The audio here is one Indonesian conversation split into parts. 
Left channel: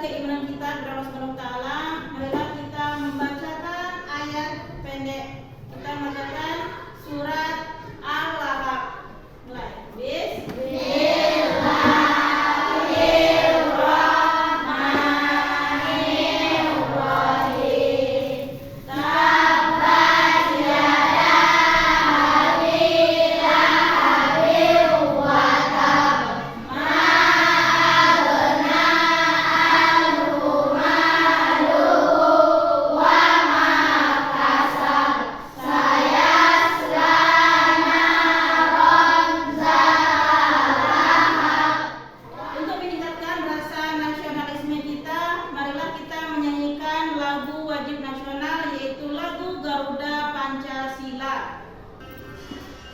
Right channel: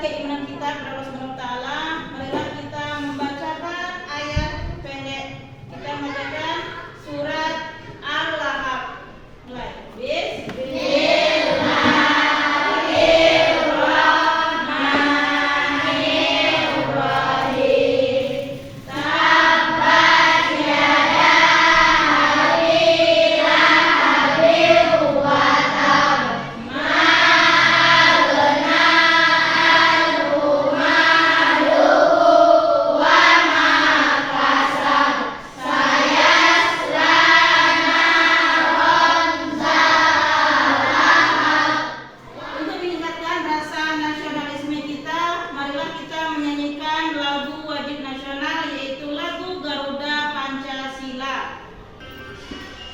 keimanan kita kepada Allah Subhanahu wa taala, marilah kita membacakan ayat pendek. Kita membacakan surat Al-Lahab. Mulai.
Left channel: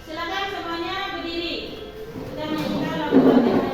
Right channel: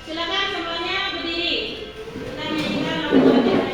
Silakan semuanya berdiri. Kita nyanyikan lagu wajib nasional.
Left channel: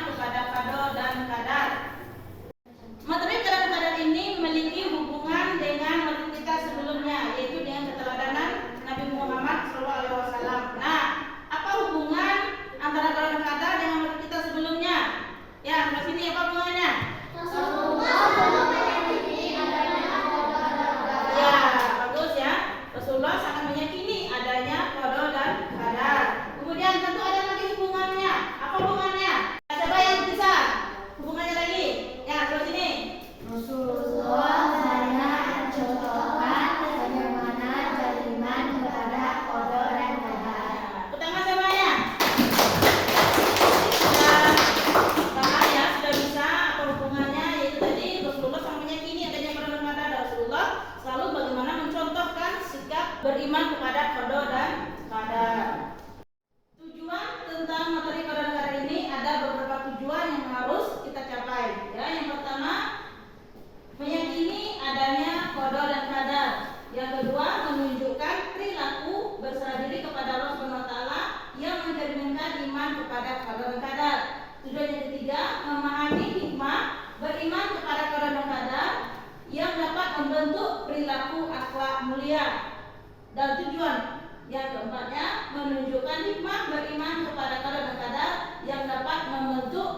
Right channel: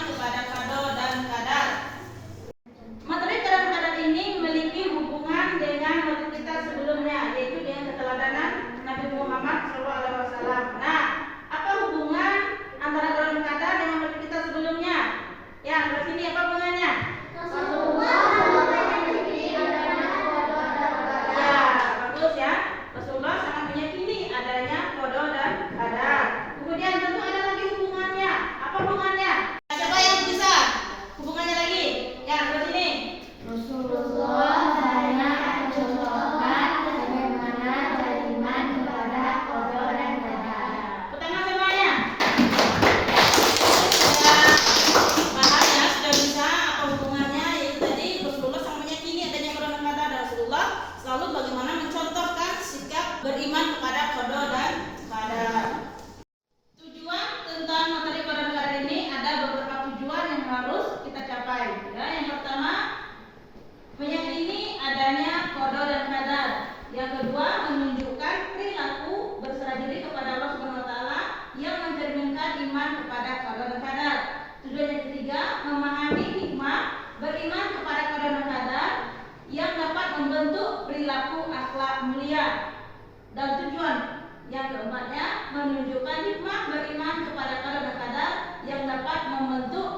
Kepada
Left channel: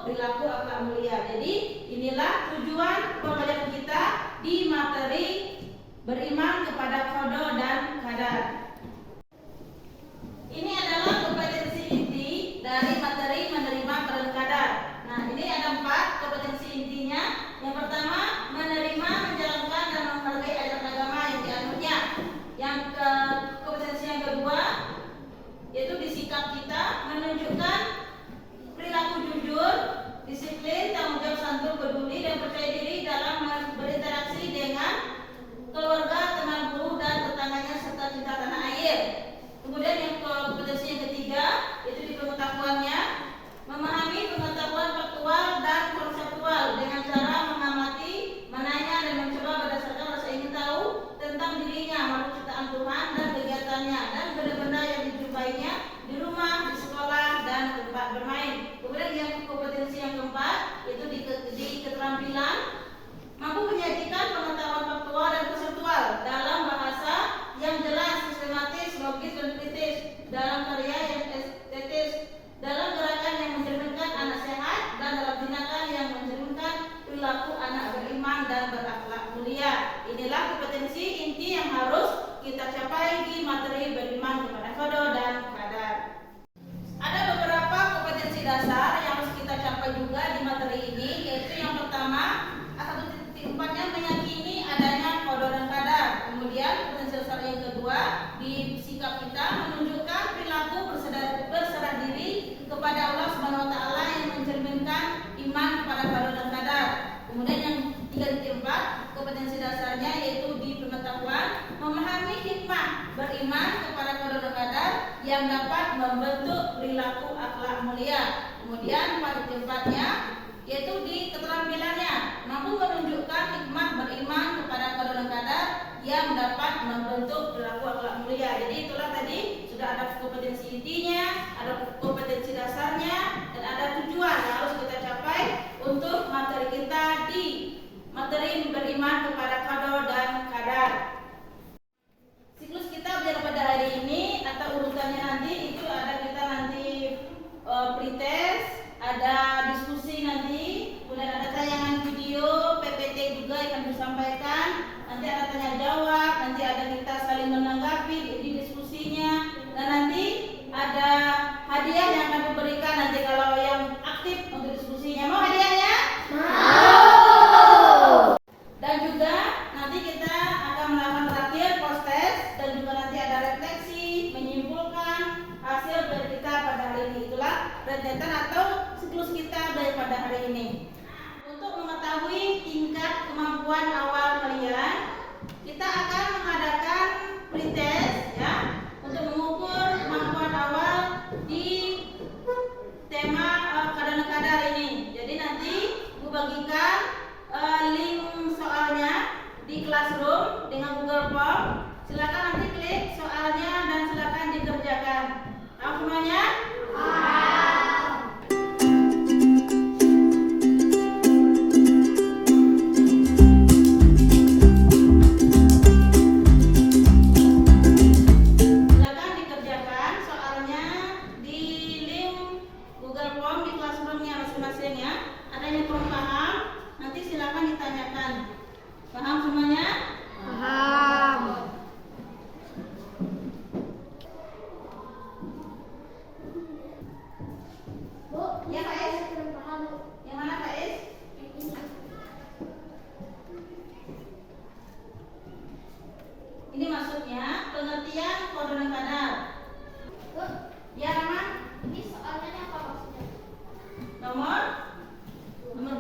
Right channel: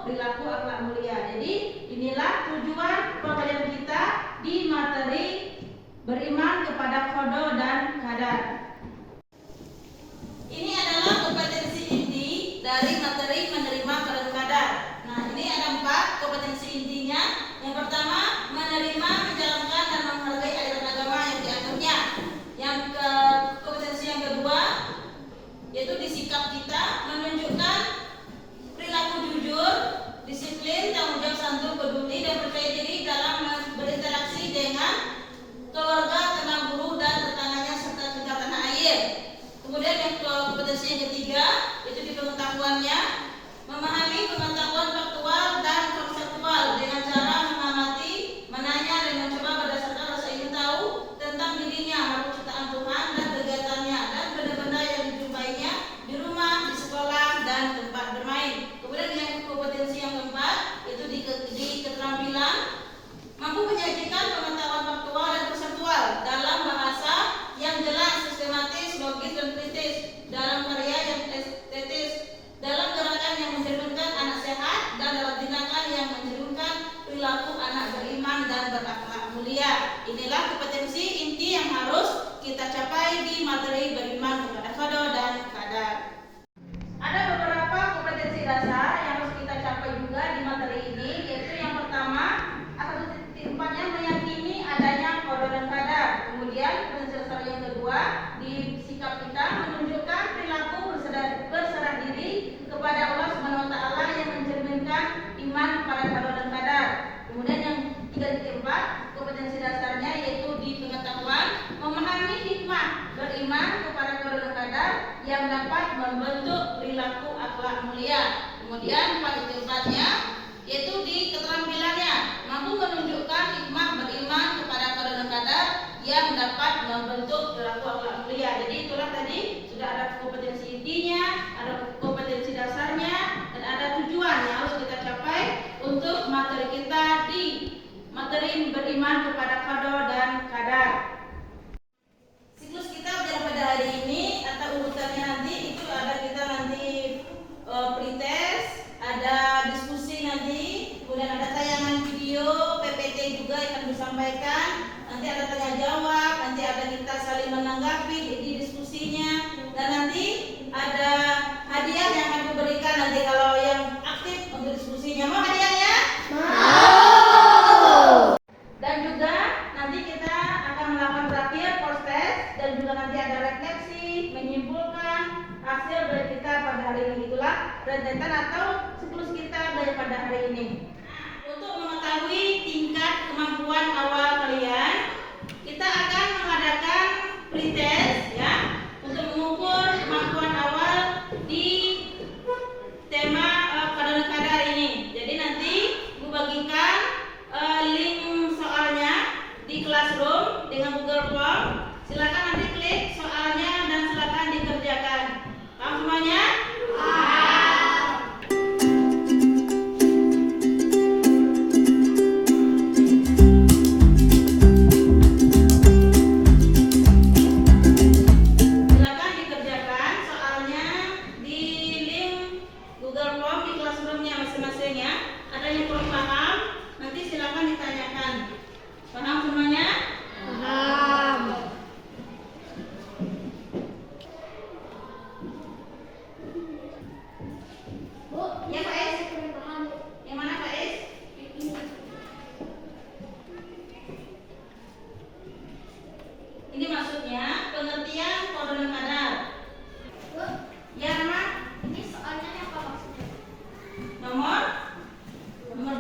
perilaku akhlak mulia. Jadi inilah tujuan pembelajaran kita di materi beriman kepada qada dan qadar. Ini adalah kompetensi inti dari materi menerima qada dan qadar. Nah, ini ada 4 kompetensi intinya. Yang pertama, menerima, menjalankan dan menghargai ajaran agama yang dianutnya. Kompetensi yang kedua yaitu di sikap kita menunjukkan perilaku jujur, disiplin, tanggung jawab, santun, peduli dan percaya diri dalam berinteraksi dengan keluarga, teman guru dan tetangganya serta kita tanah air. Kemudian yang kompetensi yang ketiga yaitu di pengetahuannya, memahami pengetahuan faktual dan konseptual dengan cara mengamati, menanya dan mencoba berdasarkan rasa ingin tahu tentang dirinya, makhluk ciptaan Tuhan dan kegiatannya dan benda-benda yang dijumpainya di rumah, di sekolah dan tempat bermain. Kemudian yang kompetensi yang keempat yaitu di keterampilan, mampu menyajikan pengetahuan faktual dan konseptual dalam bahasa yang jelas, sistematis, logis dan kritis, dalam karya yang estetis, dalam gerakan yang mencerminkan anak sehat dan dalam tindakan yang mencerminkan perilaku anak beriman dan berakhlak mulia. Inilah kompetensi inti yang harus kita capai di materi beriman kepada qada dan qadar. Ada beberapa kompetensi dasar yang harus kita capai juga di materi ini, yaitu yang pertama, atau titik 4-nya meyakini adanya qada dan qadar. Kemudian kompetensi dasar yang kedua, di sikap kita menunjukkan perilaku berserah diri kepada Allah Subhanahu wa taala yang mencerminkan iman kepada qada dan qadar. Kemudian yang 3.4, kompetensi dasarnya yaitu di pengetahuan, memahami hikmah beriman kepada qada dan qadar yang dapat membentuk perilaku akhlak mulia. Kemudian 4.4-nya yaitu di keterampilannya, mampu menunjukkan hikmah beriman kepada qada dan qadar yang dapat membentuk perilaku akhlak mulia. Jadi itulah tadi sudah ada kompetensi intinya, ada kompetensi dasarnya, dan ada tujuan yang harus kita capai untuk materi kita di materi beriman kepada qada dan qadar. Siklus kita belajar pada hari ini atau urutannya nanti itu ada kita nanti pretest, ada diskusi nanti, kemudian ada tayangan video, PPT juga yang akan disampaikan, nanti ada tanya jawab, nanti ada kita saling menanggapi di diskusinya, dan nanti ada hadiah yang akan diberikan nanti kalau yang aktif untuk diskusinya. Mau hadiahnya? Mau. Dan juga nanti kita akan melakukan terakhir post test dan juga nanti ada refleksi menyimpulkan hasil dari kita pada hari ini. Itulah rentetan atau siklus kita daripada hari ini. Untuk mengetahui tingkat kemampuan awal kalian, kita akan mengadakan pretest ya untuk mengukur kemampuan awal di tema qada dan qadar ini. Jadi nanti Bu bagikan link soalnya di Classroom dengan Google Form. Silakan nanti klik soalnya dan silakan dikerjakan. Paham semuanya? Ini maksudnya pengertian qada dan qadar. Ya, Rama? Ini soalnya apa maksudnya? Nomor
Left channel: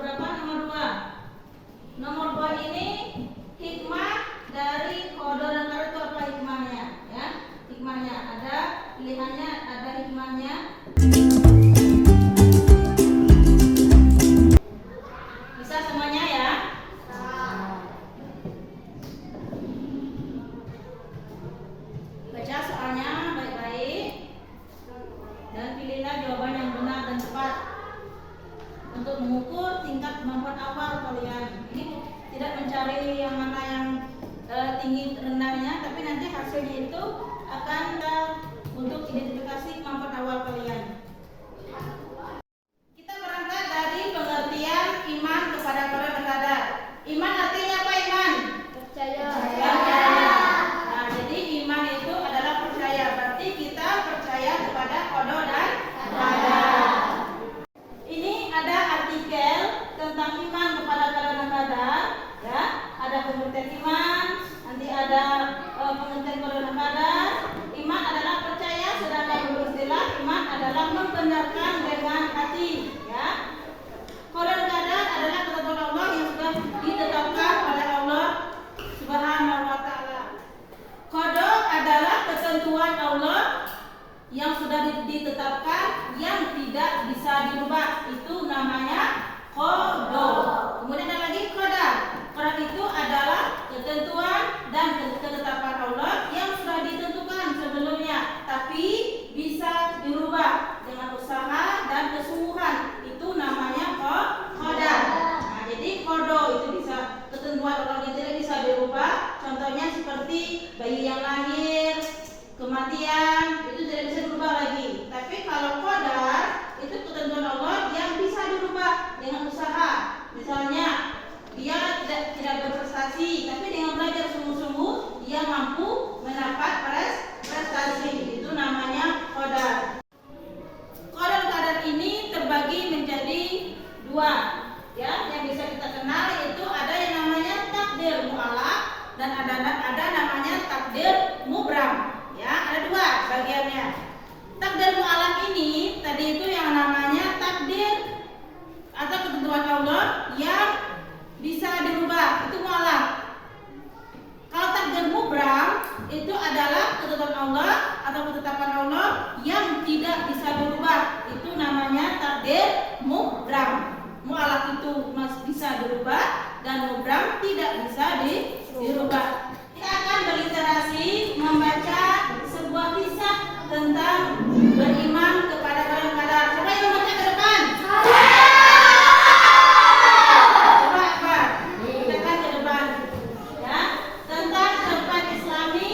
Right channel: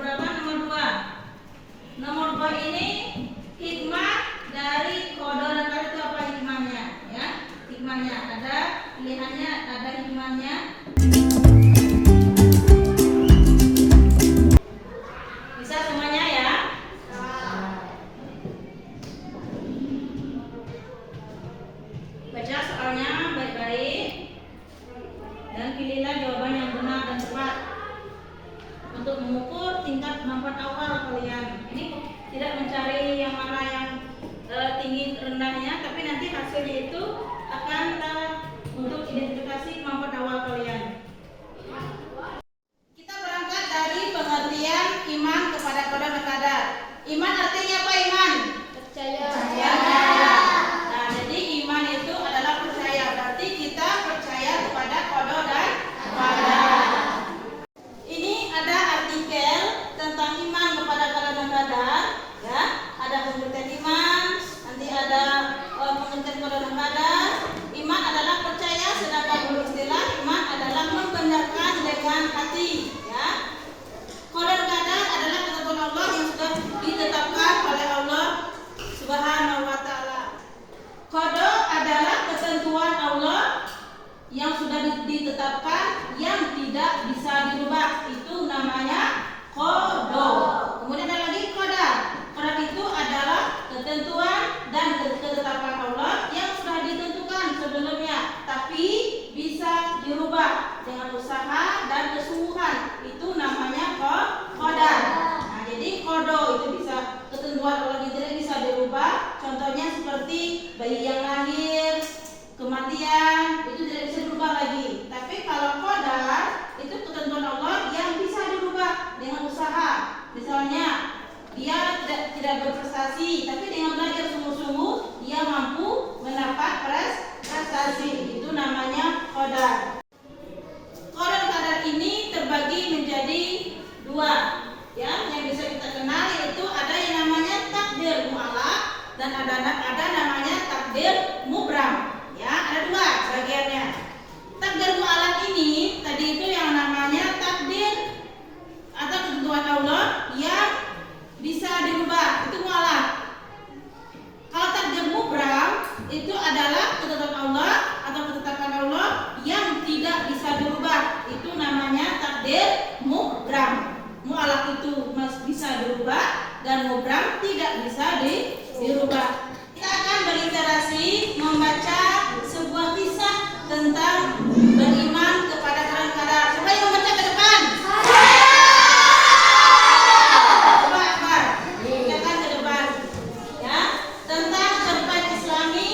berapa? Nomor 2. Nomor 2 ini hikmah dari qada dan qadar itu apa hikmahnya? Ya, hikmahnya ada pilihannya, ada hikmahnya. Bisa semuanya ya? Baca soalnya baik-baik dan pilihlah jawaban yang benar dan tepat untuk mengukur tingkat kemampuan awal kalian. Ini tidak mencari yang mana yang tinggi rendahnya, tapi nanti hasilnya itu akan untuk identifikasi kemampuan awal kalian. Kita berangkat dari iman kepada qada dan qadar. Iman artinya apa iman? Percaya. Nah, jadi iman itu adalah percaya. Berarti kita percaya kepada qada dan qadar. Ini ada artikel tentang iman kepada qada dan qadar, ya. Ada pengertian iman, nanti ada pengertian qada dan qadar. Iman adalah percaya, sedangkan istilah iman adalah membenarkan dengan hati, ya. Qada dan qadar adalah ketentuan Allah yang sudah ditetapkan oleh Allah Subhanahu wa taala. Qada adalah ketentuan Allah yang sudah ditetapkan yang tidak bisa dirubah, itu namanya qada. Kemudian ada lagi qadar. Qadar itu adalah ketentuan dan ketetapan Allah yang sudah ditentukan sebelumnya, tapi bisa dirubah dengan usaha dan kesungguhan, itu namanya qadar. Nah, jadi qada itu bisa ketentuan Allah yang tidak bisa dirubah. Contohnya seperti bayi yang lahir, kematian, itu tidak bisa dirubah lagi. Tapi kalau qadar itu ketentuan Allah yang bisa dirubah dengan usaha. Misalnya dia tidak berprestasi, tapi dengan belajar sungguh-sungguh dia mampu mendapat prestasi. Itu namanya qadar. Qada dan qadar ini terbagi menjadi dua, ya, yang bisa kita kenal, yaitu ada yang namanya takdir mu'allaq dan ada namanya takdir mubram. Ya, ada dua bagiannya. Takdir mu'allaq ini tadi itu yang namanya takdir atau ketentuan Allah yang bisa dirubah, itu mu'allaq. Kalau takdir mubram itu adalah ketentuan Allah atau ketetapan Allah yang tidak bisa dirubah, itu namanya takdir mubram. Mu'allaq itu bisa dirubah dan mubram tidak bisa dirubah. Kita akan berliterasi membaca sebuah kisah tentang beriman kepada qada dan qadar. Siapa yang membaca ke depan? Coba, bacakan ke depan. Ya, tentang cerpen Islami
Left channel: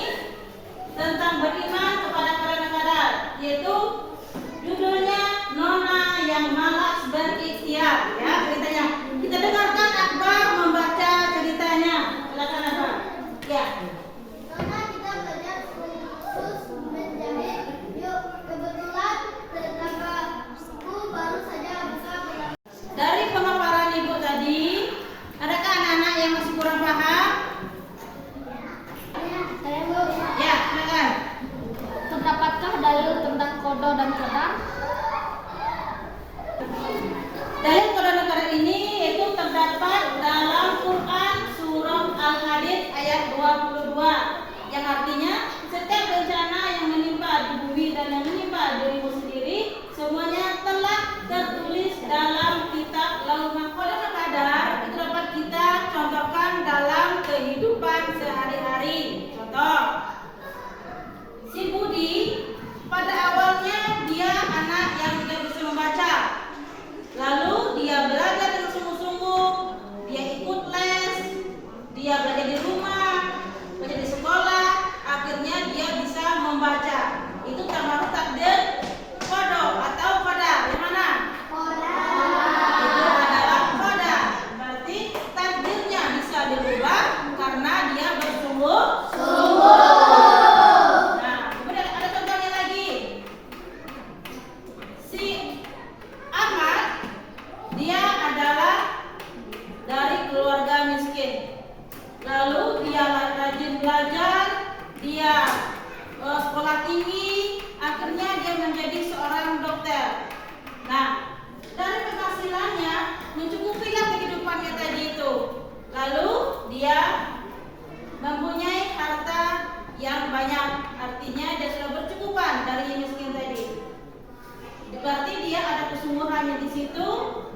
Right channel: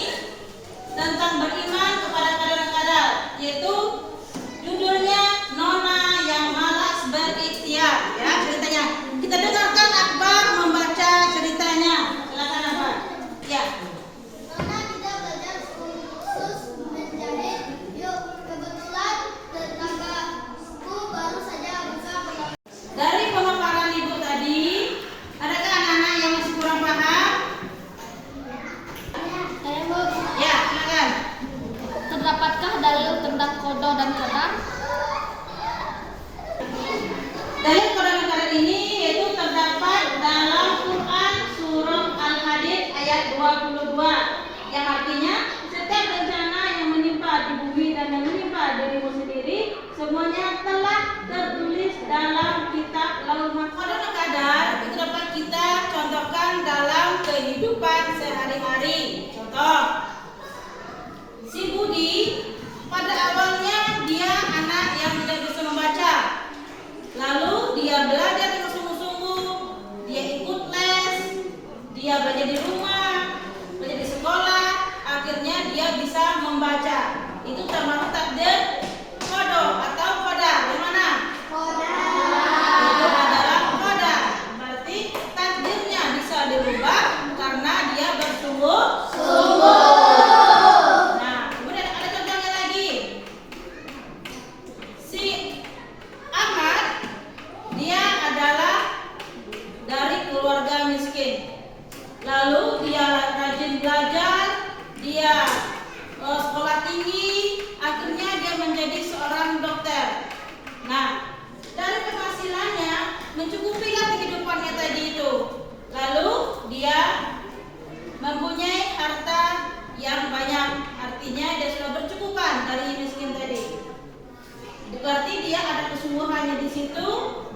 tentang beriman kepada qada dan qadar, yaitu judulnya Nona yang Malas Berikhtiar. Ya, ceritanya. Kita dengarkan Akbar membaca ceritanya. Silakan Akbar. Ya. Nona tidak belajar khusus menjahit. Yuk, kebetulan tetanggaku baru saja buka pedang. Dari pemaparan Ibu tadi, adakah anak-anak yang masih kurang paham? Saya Bu. Ya, silakan. Terdapatkah dalil tentang qada dan qadar? Dalil qada dan qadar ini yaitu terdapat dalam Quran surah Al-Hadid ayat 22, yang artinya setiap bencana yang menimpa di bumi dan yang menimpa dirimu sendiri semuanya telah tertulis dalam kitab Lauhul Mahfuz. Qada dan qadar itu dapat kita contohkan dalam kehidupan sehari-hari. Contoh, si Budi pada awalnya dia anak yang tidak bisa membaca. Lalu dia belajar dengan sungguh-sungguh, dia ikut les, dia belajar di rumah, belajar di sekolah, akhirnya dia bisa membaca. Itu termasuk takdir qada atau qadar. Yang mana? Itu adalah qadar. Berarti takdirnya bisa dirubah karena dia bersungguh-sungguh. Nah, kemudian ada contohnya lagi. Si Ahmad, dia adalah dari keluarga miskin. Lalu dia rajin belajar, dia sekolah tinggi, akhirnya dia menjadi seorang dokter. Nah, dari penghasilannya mencukupilah kehidupannya tadi itu. Lalu dia mempunyai harta yang banyak, artinya dia sudah bercukupan dari miskin tadi. Berarti dia ada kesungguhannya di situ,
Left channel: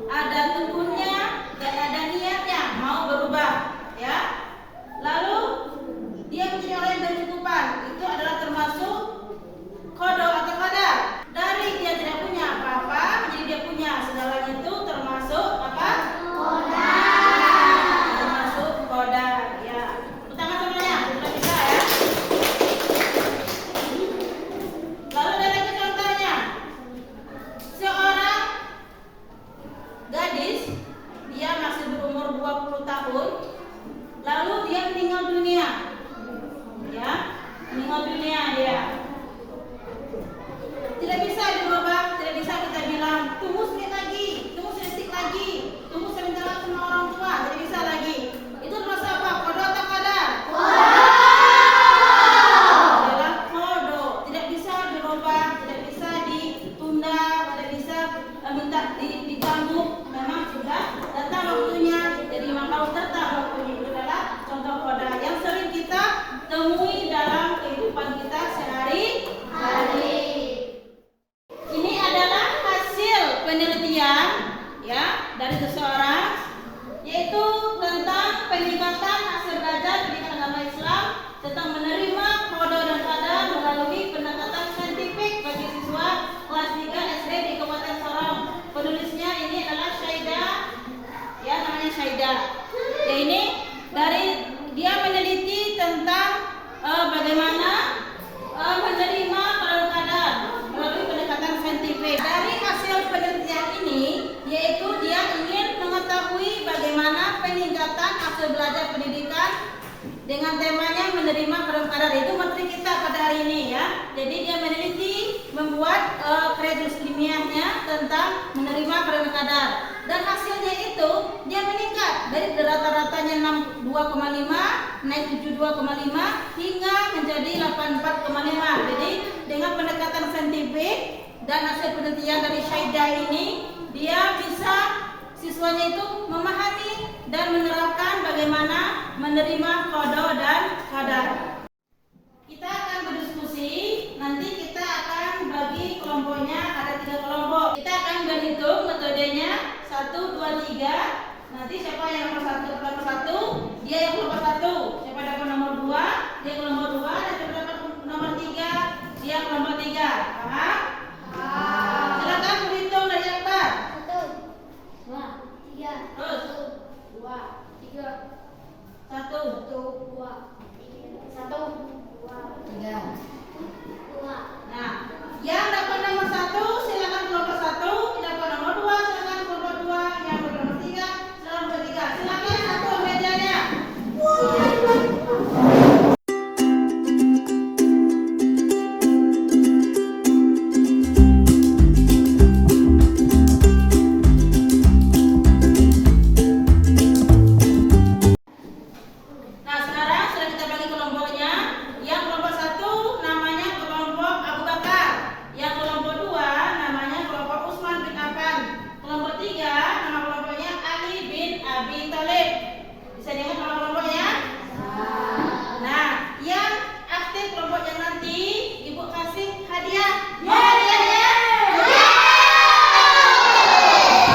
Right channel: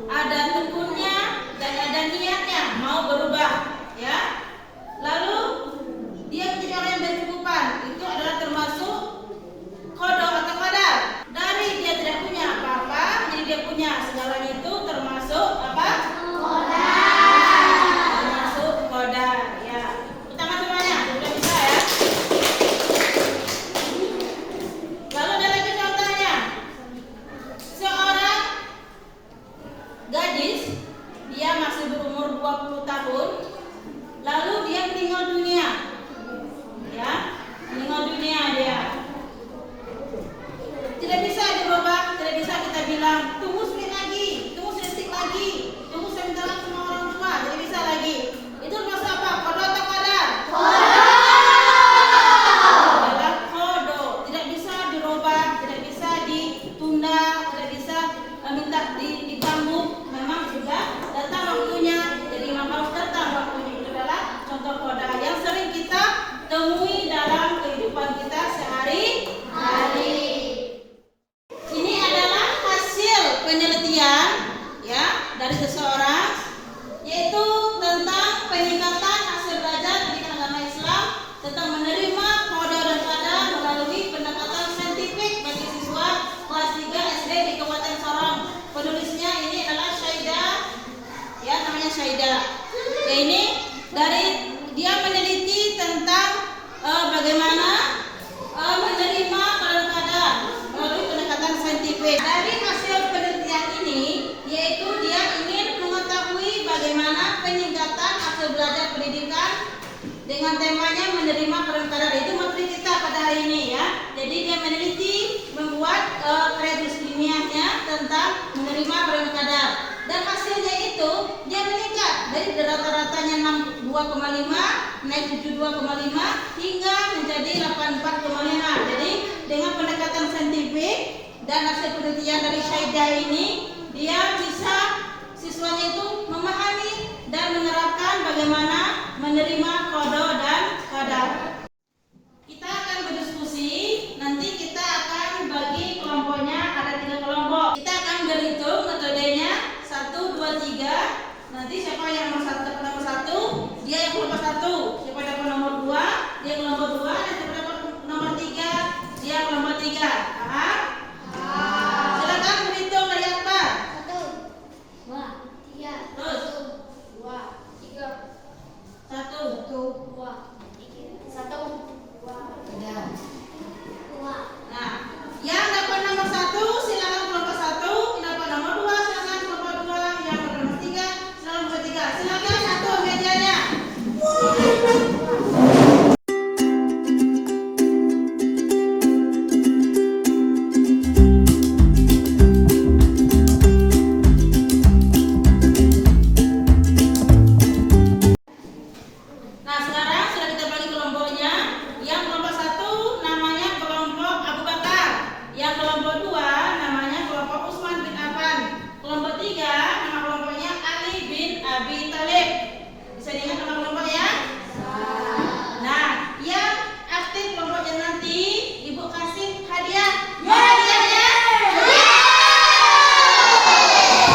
ada tekunnya dan ada niatnya mau berubah, ya. Lalu dia menjadi orang yang berkecukupan, itu adalah termasuk qada atau qadar. Dari dia tidak punya apa-apa, jadi dia punya segalanya, itu termasuk apa? Termasuk qadar, ya. Pertama semuanya sudah bisa, ya. Lalu ada lagi contohnya. Seorang gadis, dia 20 tahun, lalu dia meninggal dunia. Ya, meninggal dunia dia. Tidak bisa dirubah, tidak bisa kita bilang tunggu sedikit lagi, tunggu sedetik lagi, tunggu sebentar lagi sama orang tua, tidak bisa lagi. Itu termasuk apa? Qada atau qadar? Adalah qada, tidak bisa dirubah, tidak bisa ditunda, tidak bisa minta diganggu. Memang sudah datang waktunya, jadi memang harus datang waktunya. Itu adalah contoh qada yang sering kita temui dalam kehidupan kita sehari-hari. Ini adalah hasil penelitian ya dari seseorang, yaitu tentang peningkatan hasil belajar pendidikan agama Islam tentang menerima qada dan qadar melalui pendekatan saintifik bagi siswa kelas 3 SD di Kabupaten Sorong. Penulisnya ini adalah Syaida, ya namanya Syaida. Ya, ini dari dia meneliti tentang bagaimana menerima qada dan qadar melalui pendekatan saintifik. Dari hasil penelitian ini, yaitu dia ingin mengetahui bagaimana peningkatan hasil belajar pendidikan dengan temanya menerima qada dan qadar. Itu materi kita pada hari ini ya. Jadi dia meneliti, membuat karya tulis ilmiahnya tentang menerima qada dan qadar. Dan hasilnya itu dia meningkat dari rata-ratanya 62,5 naik 72,5 hingga menjadi 84,5. Jadi dengan pendekatan saintifik dan hasil penelitian dari Syaida ini, dia bisa siswanya itu memahami dan menerapkan bagaimana menerima qada dan qadar. Kita akan berdiskusi, nanti kita akan bagi kelompoknya ada 3 kelompok. Kita akan berhitung metodenya 1, 2, 3. Nanti siapa yang nomor 1, dia yang kelompok 1. Siapa dapat nomor 2, dia kelompok 2. Dan siapa dapat nomor 3, dia kelompok 3. Paham? Silakan berhitung dari akbar. 1, 2, 3. Terus 1, 2, 3. 1, 2, 3. 2. Nah, yang dapat nomor 1 silakan kelompok 1, yang dapat nomor 2 silakan kelompok 2, yang dapat nomor 3 silakan kelompok 3. Silakan satu mejanya. Nah, sekarang sudah kita bagi kelompoknya. Yang kelompok 1 namanya kelompok Abu Bakar. Yang kelompok 2 namanya kelompok Utsman bin Affan. Kelompok 3 nama kelompoknya Ali bin Abi Thalib. Bisa diingat nama kelompoknya? Nah, yang aktif kelompoknya nanti Ibu kasih hadiah. Hadiahnya?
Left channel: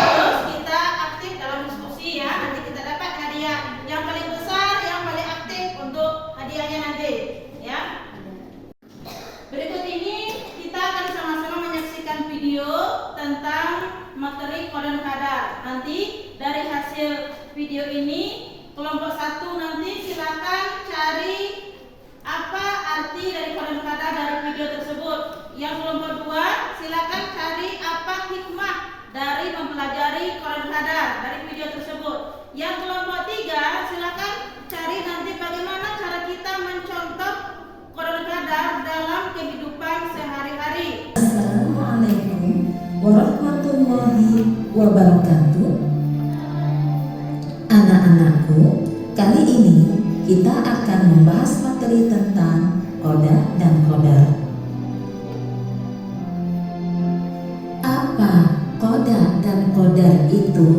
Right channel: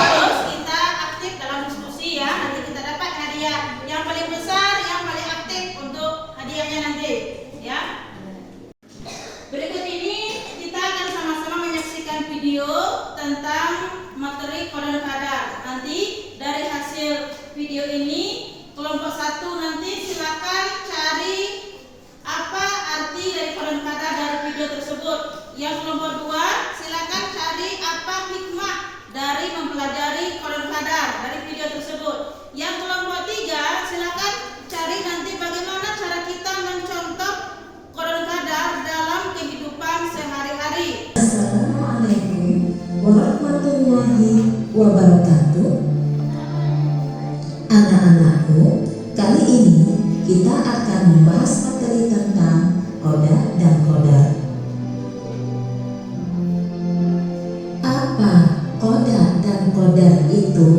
Terus kita aktif dalam diskusi ya. Nanti kita dapat hadiah yang paling besar, yang paling aktif untuk hadiahnya nanti, ya. Berikut ini kita akan sama-sama menyaksikan video tentang materi qada dan qadar. Nanti dari hasil video ini kelompok 1 nanti silakan cari apa arti dari qada dan qadar dari video tersebut. Yang kelompok 2 silakan cari apa hikmah dari mempelajari qada dan qadar dari video tersebut. Yang kelompok 3 silakan cari nanti bagaimana cara kita mencontoh qada dan qadar dalam kehidupan sehari-hari. Assalamualaikum warahmatullahi wabarakatuh. Anak-anakku, kali ini kita akan membahas materi tentang qada dan qadar. Apa qada dan qadar itu?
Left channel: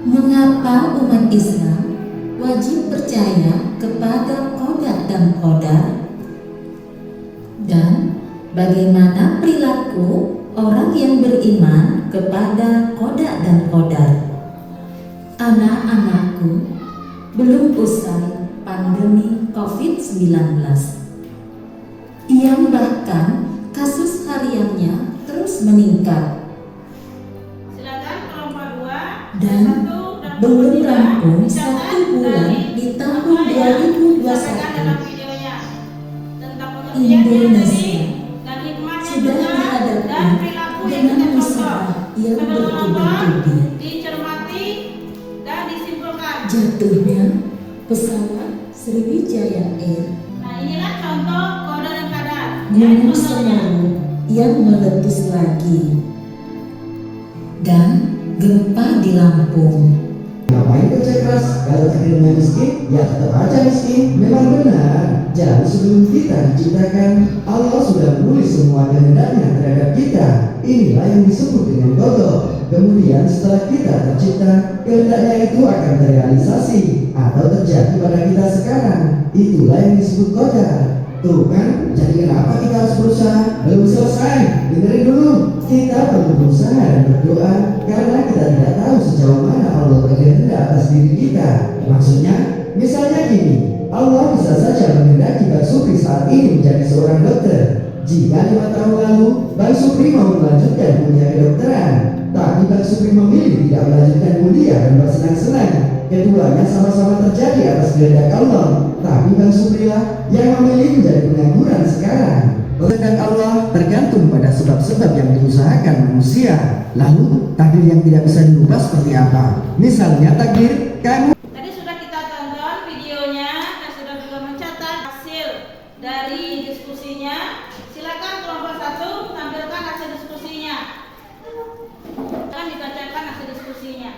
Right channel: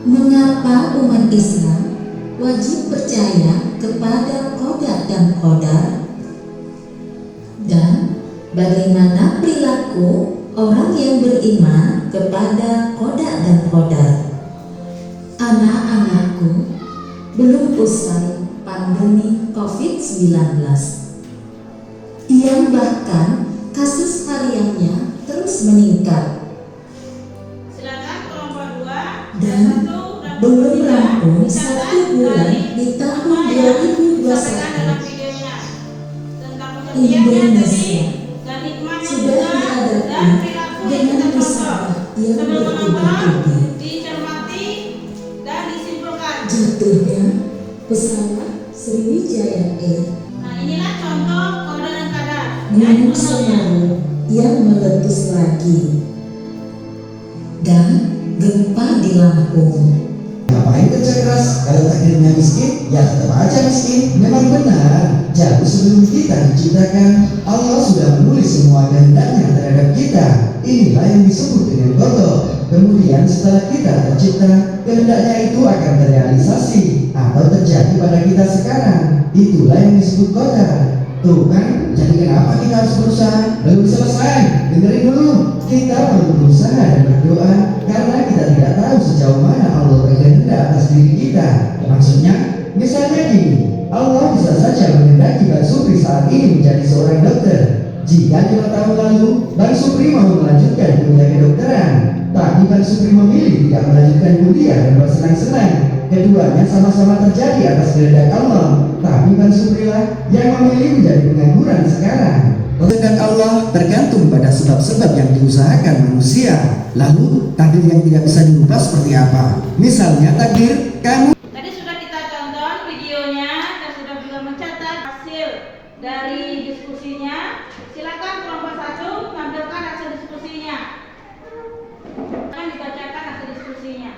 Mengapa umat Islam wajib percaya kepada qada dan qadar? Dan bagaimana perilaku orang yang beriman kepada qada dan qadar? Anak-anakku, belum usai pandemi COVID-19 yang bahkan kasus hariannya terus meningkat Silakan kelompok 2 dan belum rampung 1 bulan di tahun 2021. Indonesia sudah dihadapi dengan usaha yang bertubi-tubi dicermati Satunya pesawat Sriwijaya Air Nah, inilah contoh kode dan kadar. Gunung Semeru yang meletus lagi dan gempa di Lampung. Ngapain kerja keras kalau takdirnya miskin? Ya tetap aja miskin. Memang benar. Jauh sebelum kita diciptakan, Allah sudah menulis semua kehendaknya terhadap kita. Inilah yang disebut dengan qada. Kemudian setelah kita tercipta, kehendaknya itu akan terrealisasi atau terjadi pada kita sekarang. Itulah yang disebut qadar. Tuh kan, jadi kenapa kita harus berusaha? Belum selesai, dengerin dulu. Kita perlu berusaha dan berdoa karena kita tidak tahu sejauh mana Allah berkehendak atas diri kita. Maksudnya, misalnya gini, Allah bisa saja menghendaki Bang Supri saat ini menjadi seorang dokter. Jika 5 tahun lalu Bang Supri mau melanjutkan kuliah kedokteran, tapi Bang Supri memilih tidak melanjutkan kuliah dan bersenang-senang, keduanya sama-sama terjadi atas kehendak Allah. Tapi Bang Supri lah yang memilih menjadi pengangguran sekarang. Kehendak Allah tergantung pada sebab-sebab yang diusahakan manusia. Lalu takdir yang tidak bisa dirubah seperti apa? Misalnya takdir kamu. Tadi sudah kita tonton videonya dan sudah juga mencatat hasil dari diskusinya. Silakan kelompok 1 tampilkan hasil diskusinya. Akan dibacakan hasil diskusinya.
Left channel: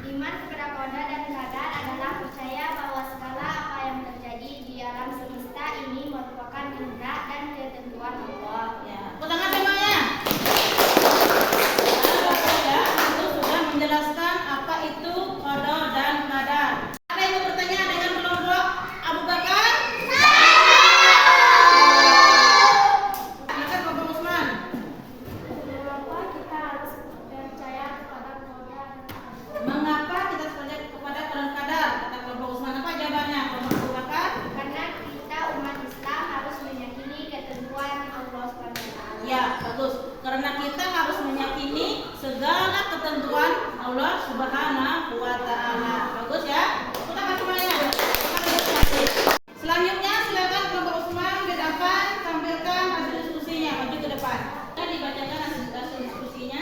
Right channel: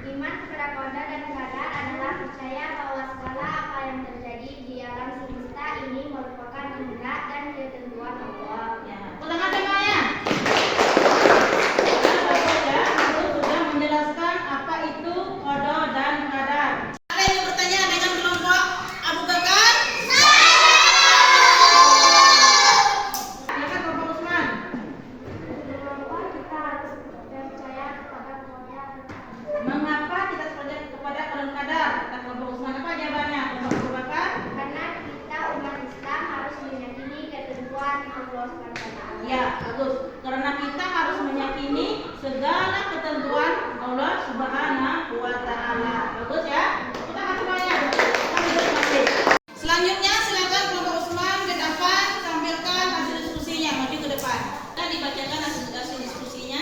Iman kepada qada dan qadar adalah percaya bahwa segala apa yang terjadi di alam semesta ini merupakan kehendak dan ketentuan Allah. Ya, tangan semuanya. Itu sudah menjelaskan apa itu qada dan qadar. Ada yang mau bertanya dengan kelompok Abu Bakar? Silakan kelompok Usman. Mengapa kita harus percaya kepada qada dan qadar? Mengapa kita percaya kepada qada dan qadar? Kata kelompok Usman. Apa jawabannya? Kelompok Abu Bakar? Karena kita umat Islam harus meyakini ketentuan Allah SWT. Ya, bagus. Karena kita harus meyakini segala ketentuan Allah Subhanahu wa taala. Bagus ya? Kita kasih semuanya. Kami kasih. Selanjutnya silakan kelompok Usman ke depan tampilkan hasil diskusinya. Maju ke depan. Dan dibacakan hasil diskusinya.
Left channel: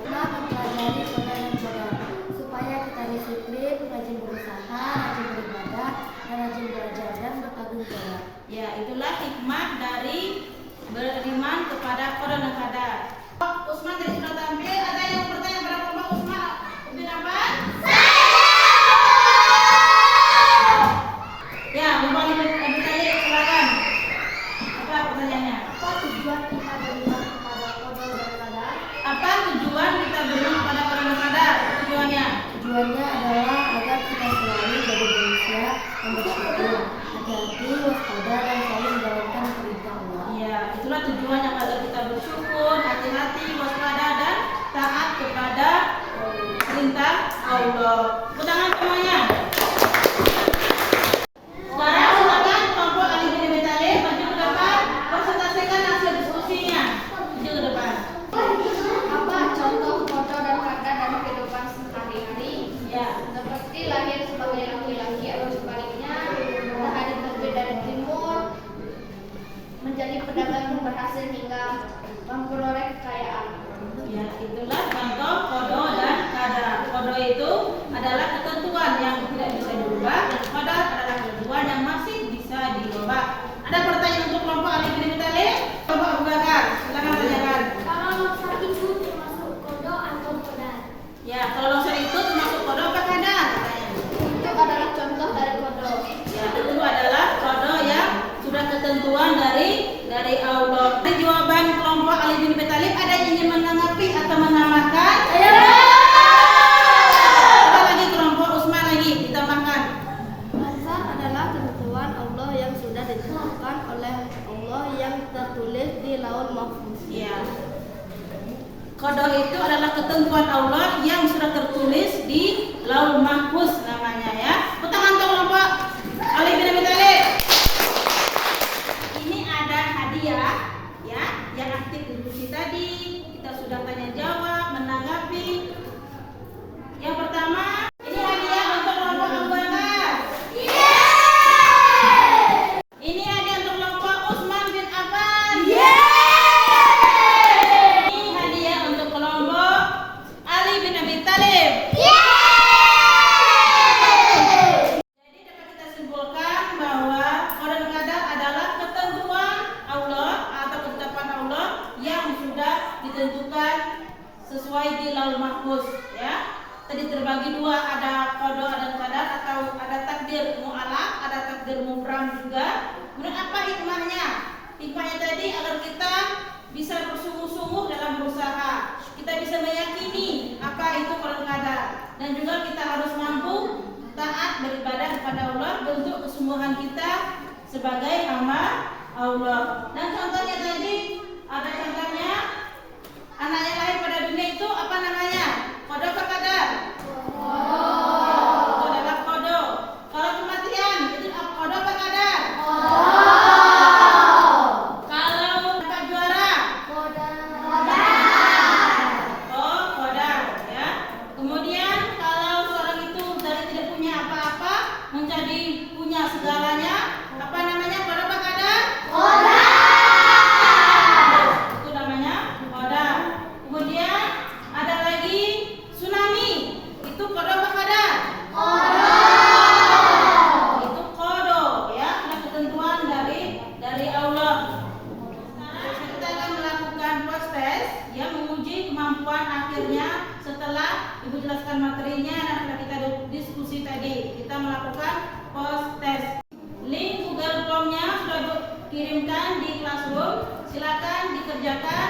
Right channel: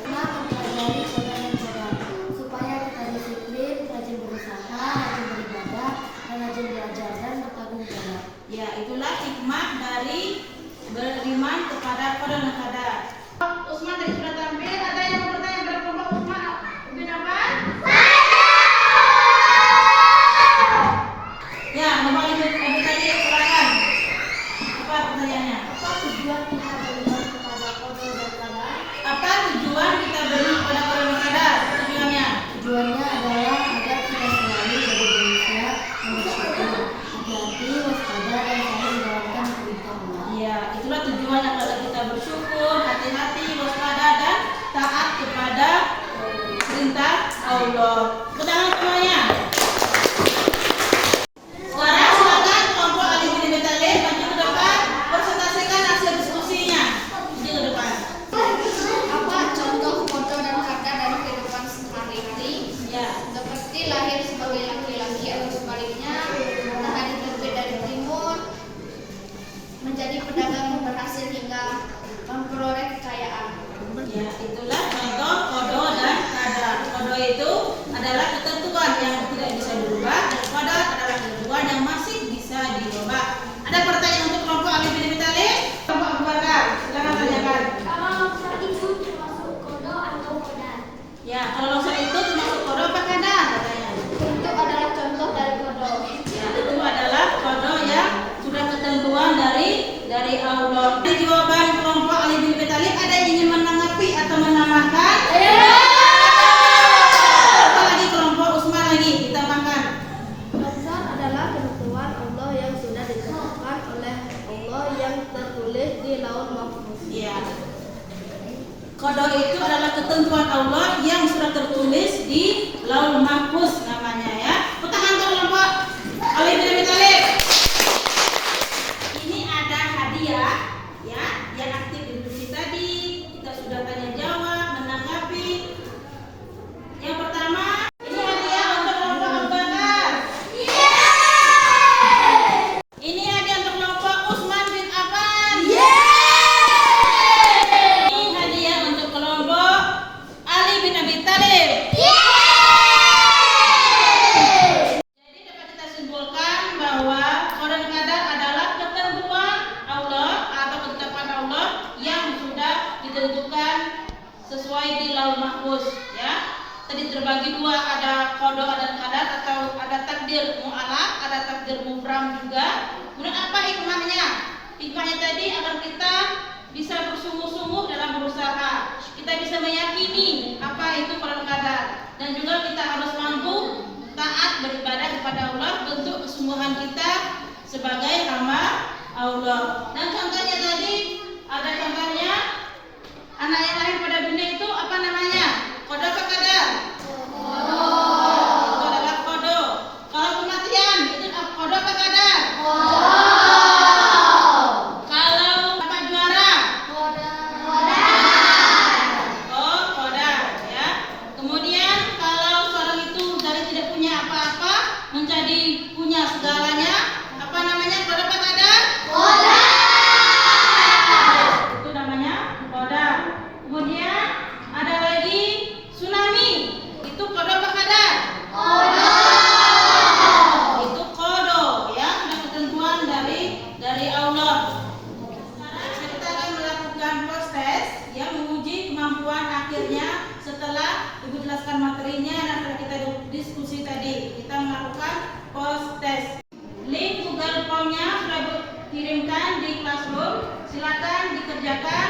Kita mempelajari qada dan qadar supaya kita disiplin, rajin berusaha, rajin beribadah, dan rajin belajar dan bertanggung jawab. Ya, itulah hikmah dari beriman kepada qada dan qadar. Usman tadi sudah tampil. Ada yang mau bertanya kepada kelompok Usman bin Affan? Ya, Bapak Ibu tadi silakan. Apa pertanyaannya? Apa tujuan kita beriman kepada qada dan qadar? Apa tujuan kita beriman kepada qada dan qadar? Tujuannya? Tujuannya adalah agar kita selalu jadi manusia yang bersyukur, hati-hati, waspada, dan selalu menjalankan perintah Allah. Ya, itulah tujuannya agar kita bersyukur, hati-hati, waspada dan taat kepada perintah Allah. Tangan semuanya. Sekarang silakan kelompok Ali bin Abi Thalib maju ke depan, presentasikan hasil diskusinya. Maju ke depan. Apa contoh qada dan qadar dari kehidupan sehari-hari? Ya. Seperti lahir sebagai laki-laki atau sebaliknya, matahari terbit dari timur, menjadi pedagang yang berhasil hingga memperoleh kekayaan. Ya, itulah contoh qada dan qadar. Qada itu adalah ketentuan yang tidak bisa dirubah, dan qadar adalah ketentuan yang masih bisa dirubah. Ada pertanyaan untuk kelompok Ali bin Abi Thalib? Kelompok Abu Bakar, silakan tanyakan. Kalau longsor itu termasuk qada atau qadar? Ya, kalau longsor itu termasuk qada apa qadar? Katanya. Itu adalah contoh dari qada. Ya, itu adalah qada yang sudah ketentuan dari Allah. Di jawaban kelompok Ali bin Abi Thalib ada yang ingin menanggapi atau menambahkan? Apa lagi kelompok Usman lagi ditambahkan? Qadar adalah ketentuan Allah yang sudah ditentukan oleh Allah yang tertulis di Lauhul Mahfuz. Iya. Qada itu adalah ketentuan Allah yang sudah tertulis di Lauhul Mahfuz namanya ya. Tangan untuk kelompok Ali bin Abi Thalib. Ini ada hadiah ya yang aktif di diskusi tadi. Kita sudah tanya jawab, menanggapi. Yang pertama, ini hadiah untuk kelompok Abu Bakar. Ini hadiah untuk kelompok Usman bin Affan. Ini hadiah untuk kelompok Ali bin Abi Thalib. mahfuz ya. Tadi terbagi dua, ada qada dan qadar, atau ada takdir mu'allaq, ada takdir mubram juga. Kemudian apa hikmahnya? Hikmahnya tadi agar kita bisa bersungguh-sungguh dalam berusaha. Kita bisa meyakini apa itu qada qadar, dan juga kita harus mampu taat beribadah kepada Allah, bentuk kesungguhan kita sebagai hamba Allah. Dan contohnya tadi ada contohnya anak yang lahir pada dunia itu apa namanya? Qada apa qadar? Qada. Itu adalah qada. Kalau kematian itu qada apa qadar? Qada. Kalau dapat juara? Qadar. Oh, qadar ya. Kemudian kalau seorang itu dari tidak punya apa-apa menjadi punya segalanya, apa namanya? Qada apa qadar? Qadar. Itu namanya qadar. Kemudian ada lagi tsunami. Itu qada apa qadar? Qada. Itu qada ya, sudah ketentuan dari Allah. Sekarang kita akan melakukan post test yang menguji kemampuan akhirnya setelah Ibu jelaskan materinya dan setelah kita diskusi tadi. Kita melakukan post test. Link Google Form-nya sudah dikirimkan di Classroom. Silakan dikerjakan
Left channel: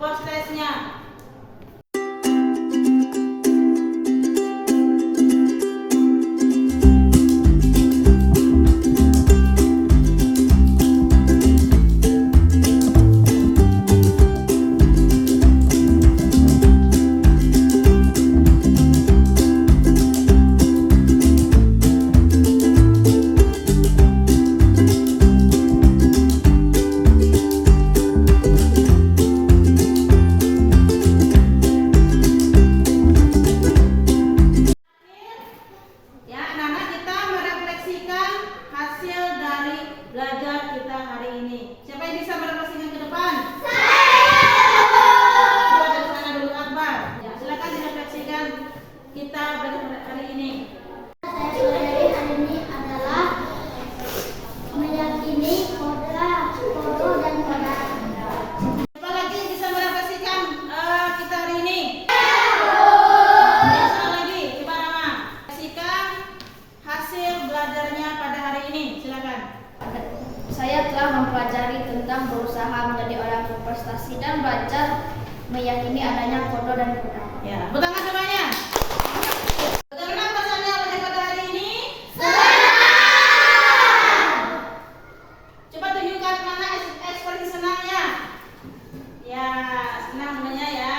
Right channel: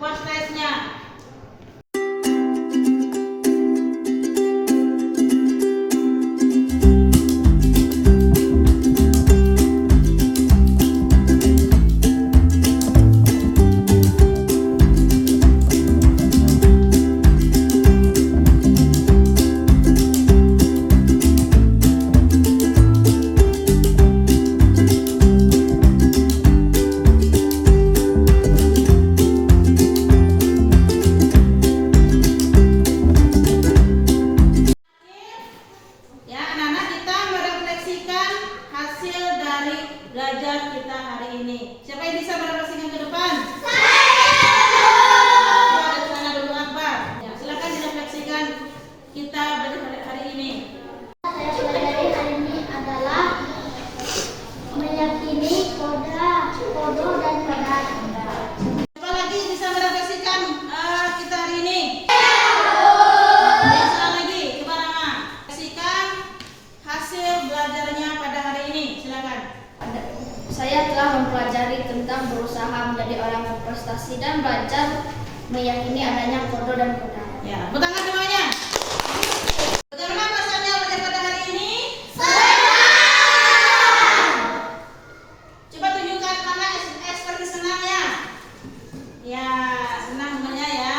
post test-nya. Ya, anak-anak, kita merefleksikan hasil dari belajar kita hari ini. Siapa yang bisa merefleksikan ke depan? Coba dari sana dulu, Akbar. Ya, silakan direfleksikan kita belajar hari ini. Saya pelajari hari ini adalah meyakini kodo dan qadar. Siapa lagi bisa merefleksikan kita hari ini? Bisa lagi, coba Rama. Refleksikan hasil belajarnya pada hari ini. Silakan. Saya telah mempelajari tentang berusaha menjadi orang berprestasi dan belajar meyakini adanya kodo dan qadar. Ya, tepuk tangan semuanya. Bagaimana perasaannya belajar pada hari ini? Coba tunjukkan mana ekspresi senangnya. Ya, senang semuanya ya.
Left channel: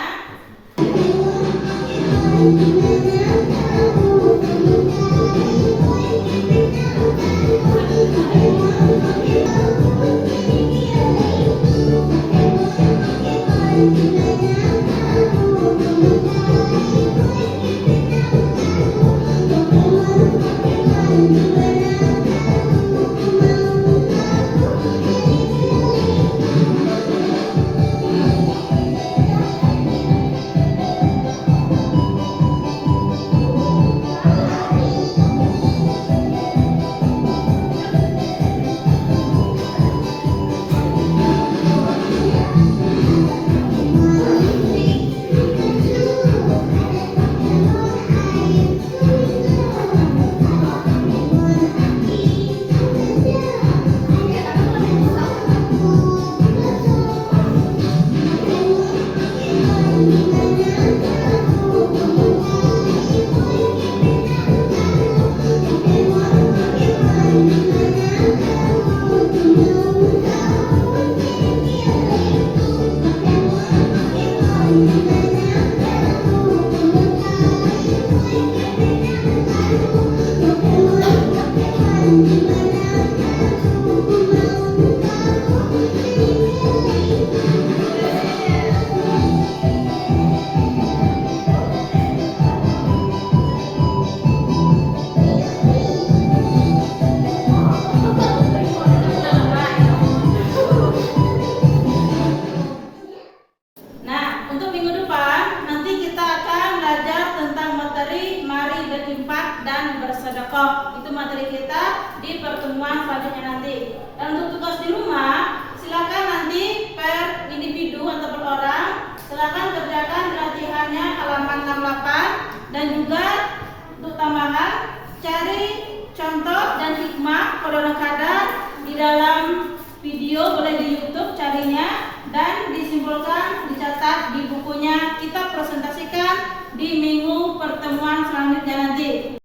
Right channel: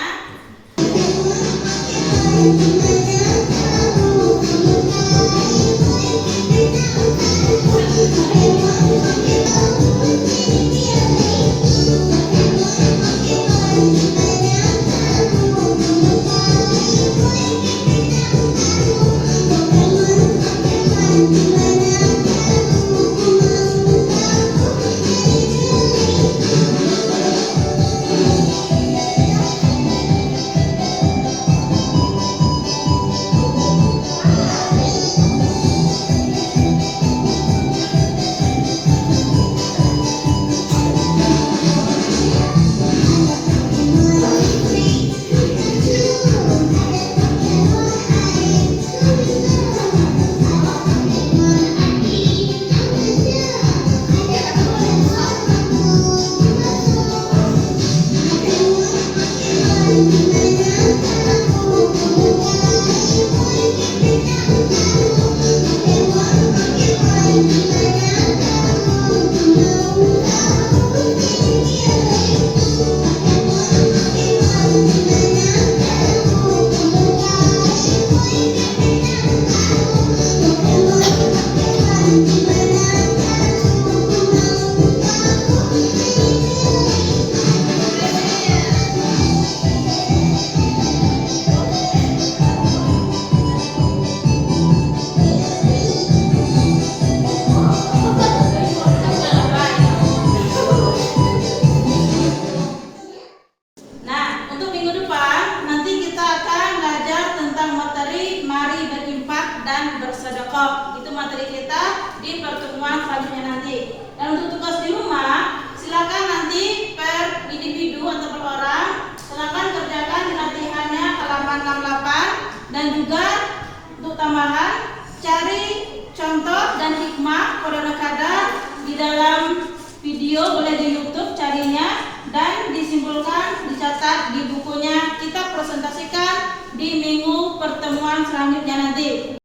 bersedekah. Itu materi kita di pertemuan selanjutnya nanti. Dan untuk tugas di rumah, silakan nanti per individu atau per orang silakan kerjakan latihannya halaman 68 dan juga untuk tambahan cari contoh dan hikmah kode rekada di dalam video, boleh di YouTube carinya dan disimpulkan, dicatat di bukunya, kita presentasikan di minggu pertemuan selanjutnya nanti.